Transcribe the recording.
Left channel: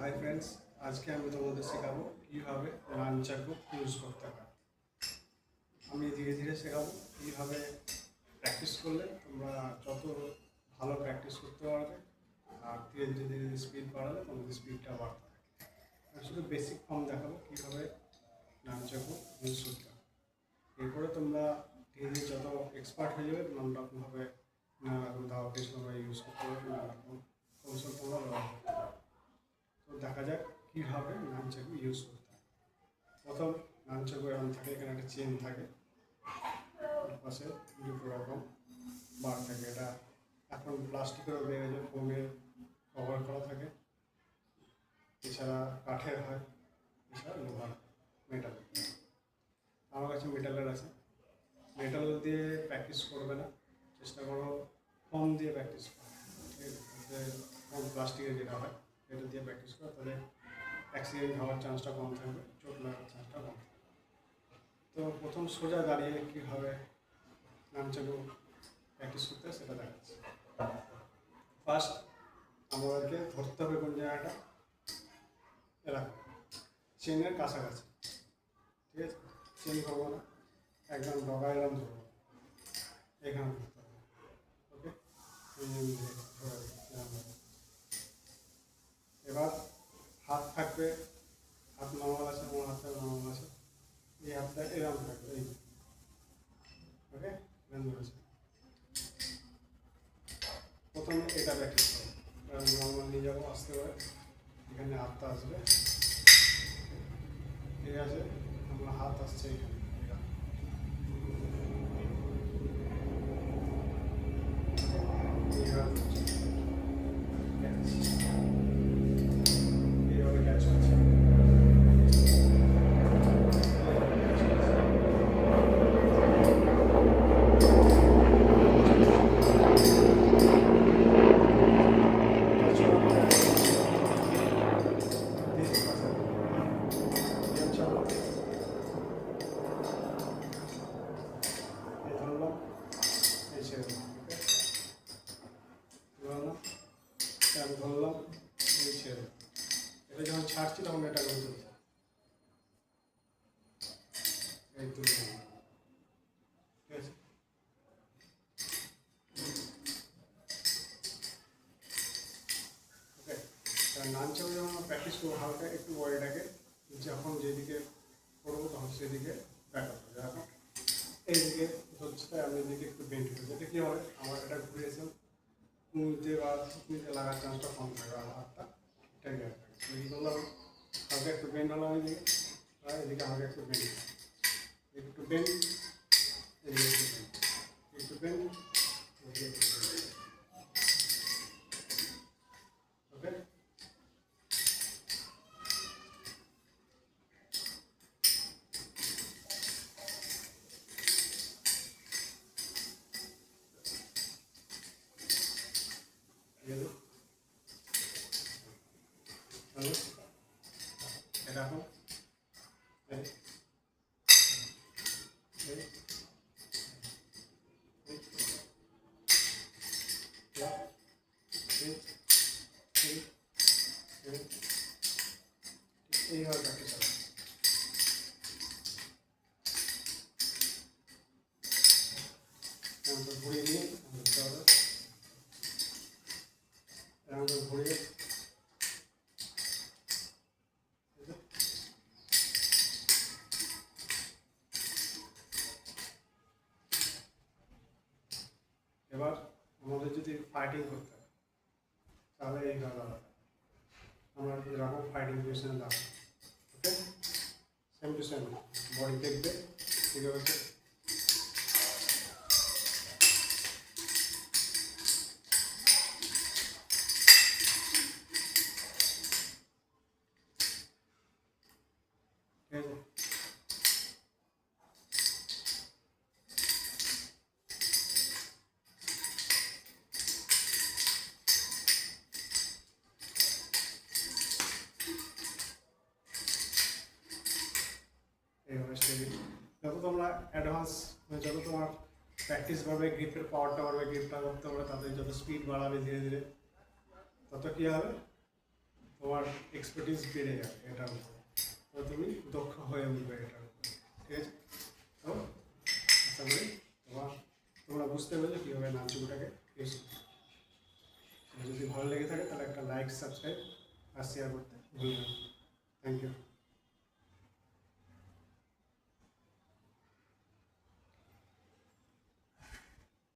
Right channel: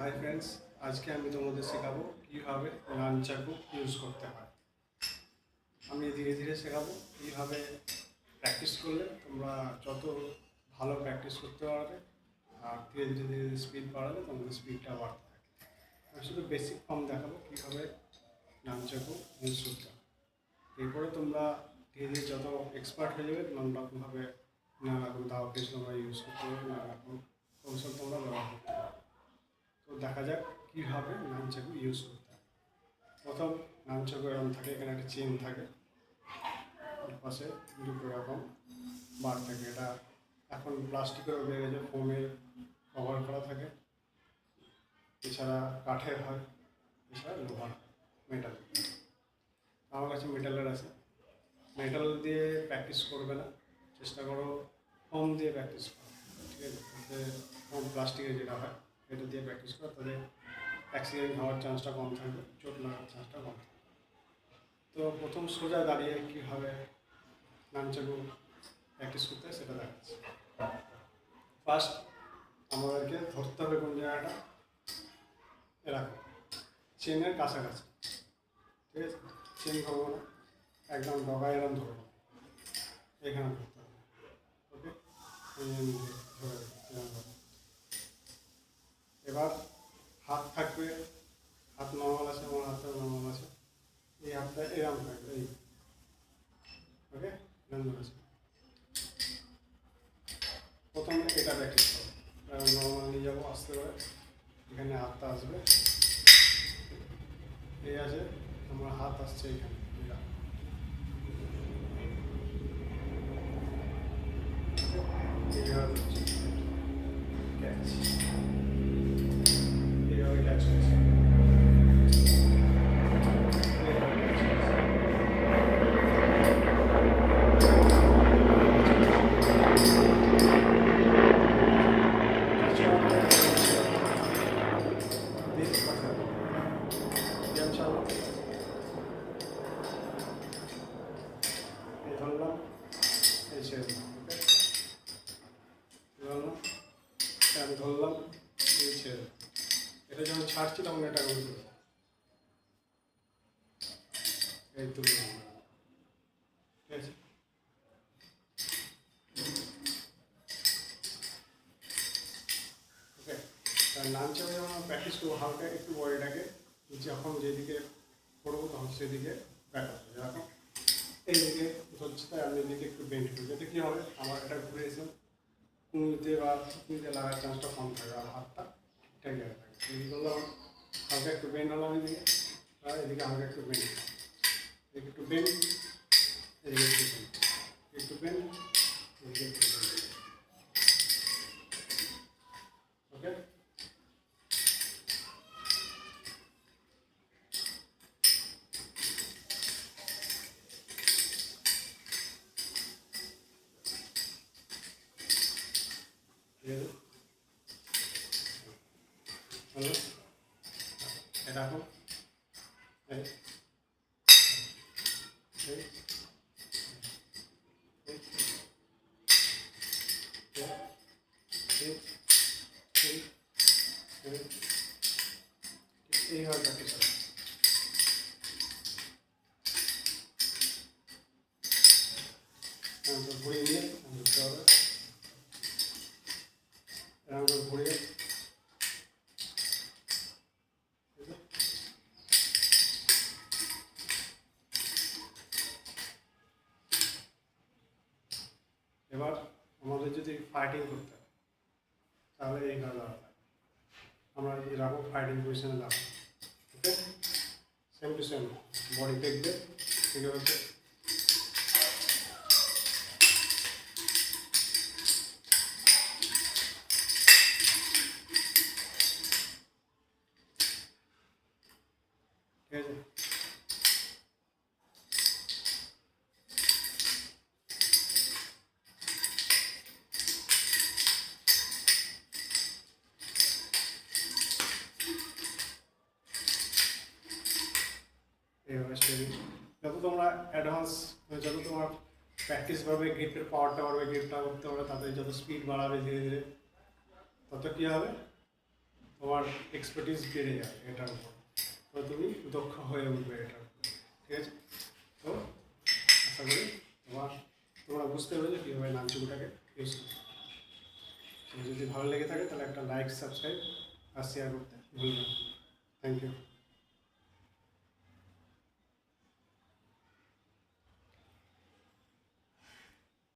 Hi friends, আজকে আমি তোমাদের শেখাবো কীভাবে নানচাকু ইউজ করতে হয়। আমি ধীরে ধীরে শেখাবো কীভাবে প্র্যাকটিস করলে তোমরা যত ভালো প্র্যাকটিস করতে পারবে আর ধীরে ধীরে ধীরে ধীরে স্পিড বাড়ালে তোমাদের স্পিডটা বাড়তে থাকে। আমি শুধু বেসিক ফর্ম দেখাবো কীভাবে নানচাকু ইউজ করতে হয়। এরপরে তোমরা ধীরে ধীরে যত এক্সপার্ট হয়ে যাবে নানা রকমভাবে নানা রকম দাওয়াকে তোমরা ইউজ করতে পারবে, নানা রকম কৌশল তোমরা ব্যবহার করতে পারবে। তো দেখা যাক কীভাবে নানচাকু ইউজ করতে হয়। প্রথম নানচাকু এরকম থাকে, এখানে একটা চেন থাকে, পাশে দুটো রকম বার থাকে। এটা এখন প্লাস্টিকের বের হয়েছে, ফোমে কভার করা থাকে, এছাড়া কাঠের হয়, এছাড়া লোহার, মেটাল। আমার কাছে মেটালের আছে। মেটাল দিয়ে প্র্যাকটিস করবে না, চেষ্টা করো ফোম দিয়ে প্র্যাকটিস করো, ঠিক আছে? ফোম প্লাস্টিকের যেটা হয় এটা দিয়ে প্র্যাকটিস করো, তাহলে অ্যাক্সিডেন্ট হওয়ার চান্সটা কম থাকবে, চোট লাগার চান্সটা কম থাকবে। তো প্রথম সোজা দাঁড়িয়ে কীভাবে নানচাকু প্র্যাকটিস করতে হয় সেটা দেখাচ্ছি। ফার্স্ট আমাদেরকে ধরতে হবে কোন জায়গাটা, এরকম চেনের কাছাকাছি, ঠিক আছে? চেন ধরবো না, একদম ডগা এরকম ধরবো, এখানে ধরতে হবে, ওকে? এবার হাত থাকবে, হাত নর্মাল আছে, আমার হাতটা নর্মাল আছে, এই হাতটা এরকম থাকবে, এই, ওকে? এরকম ধরেছে। প্রথমে এটা প্র্যাকটিস করো, নর্মাল নিয়ে যাবো, আসতে পারে, এখানে হাতটা আসবে, এই আছে, আমার হাত আসছে এখানে, এইভাবে ক্যাচ করছে। ধরলাম, এই ছেড়ে দিলাম, ওকে? ধরলাম, আমি ধরলাম, এই ছেড়ে দিলাম। এটা যখন ছাড়ছি তখন এটা করে তুলছি, এই তুললাম, ঠিক আছে? ওকে, তার নানচাকু যখন প্র্যাকটিস করবো, হালকা একটু বডিটাকে যখন যেদিকে করবো তখন সেদিকে ব্যাক আপ করে রাখো, এইদিকে হচ্ছে, তাই আমি এদিকে একটু বেন্ড করি, যাতে কী হবে, আমার এটা ঘুরে এসে কুঁড়িতে বা থুতনিতে লাগার চান্সটা কম থাকে আর হাতটা ঠিকঠাক জায়গায় থাকে। এদিকে ধরলাম, হালকা একটু বেন্ড হলাম এদিকে, আর এদিকে হালকা একটু বেন্ড, এদিকে একটু বেন্ড, এদিকে একটু বেন্ড, একটু বেন্ড, এদিকে একটু বেন্ড, ওকে? হ্যালো, এটা এখন এই এই এইভাবে প্র্যাকটিস হবে। ঘুরিয়ে নিয়ে ধরতে হবে, এরকম ঘুরিয়ে, এবার আমাদের যদি ফাইটিং করতে হয় তাহলে এইভাবে হবে, আমরা এরকম ফাইটিং পজিশনে দাঁড়াবো, ওকে? সেম টু সেম বডি দেখবে, ঠিক আছে? ঠিক আছে? এইভাবে স্টেডিং, যত তোমরা অ্যাডভান্স, যত তোমার প্র্যাকটিস বাড়বে, গ্রিপের পাওয়ারটা বাড়বে, গ্রিপটা করতে পারবে, তাতে যত স্পিড বাড়াবে ধীরে ধীরে, তত কী হবে, তোমার এক্সপার্টিস বেড়ে যাবে এটার উপর, তো তুমি দক্ষ হয়ে উঠবে এটার উপর। ঠিক আছে, তো আশা করি তোমরা বুঝতে পেরেছো কীভাবে নানচুকুটাকে ইউজ করতে। যদি ভালো লেগে থাকে তাহলে একটা লাইক, সাবস্ক্রাইব আর শেয়ার করতে ভুলবেন না।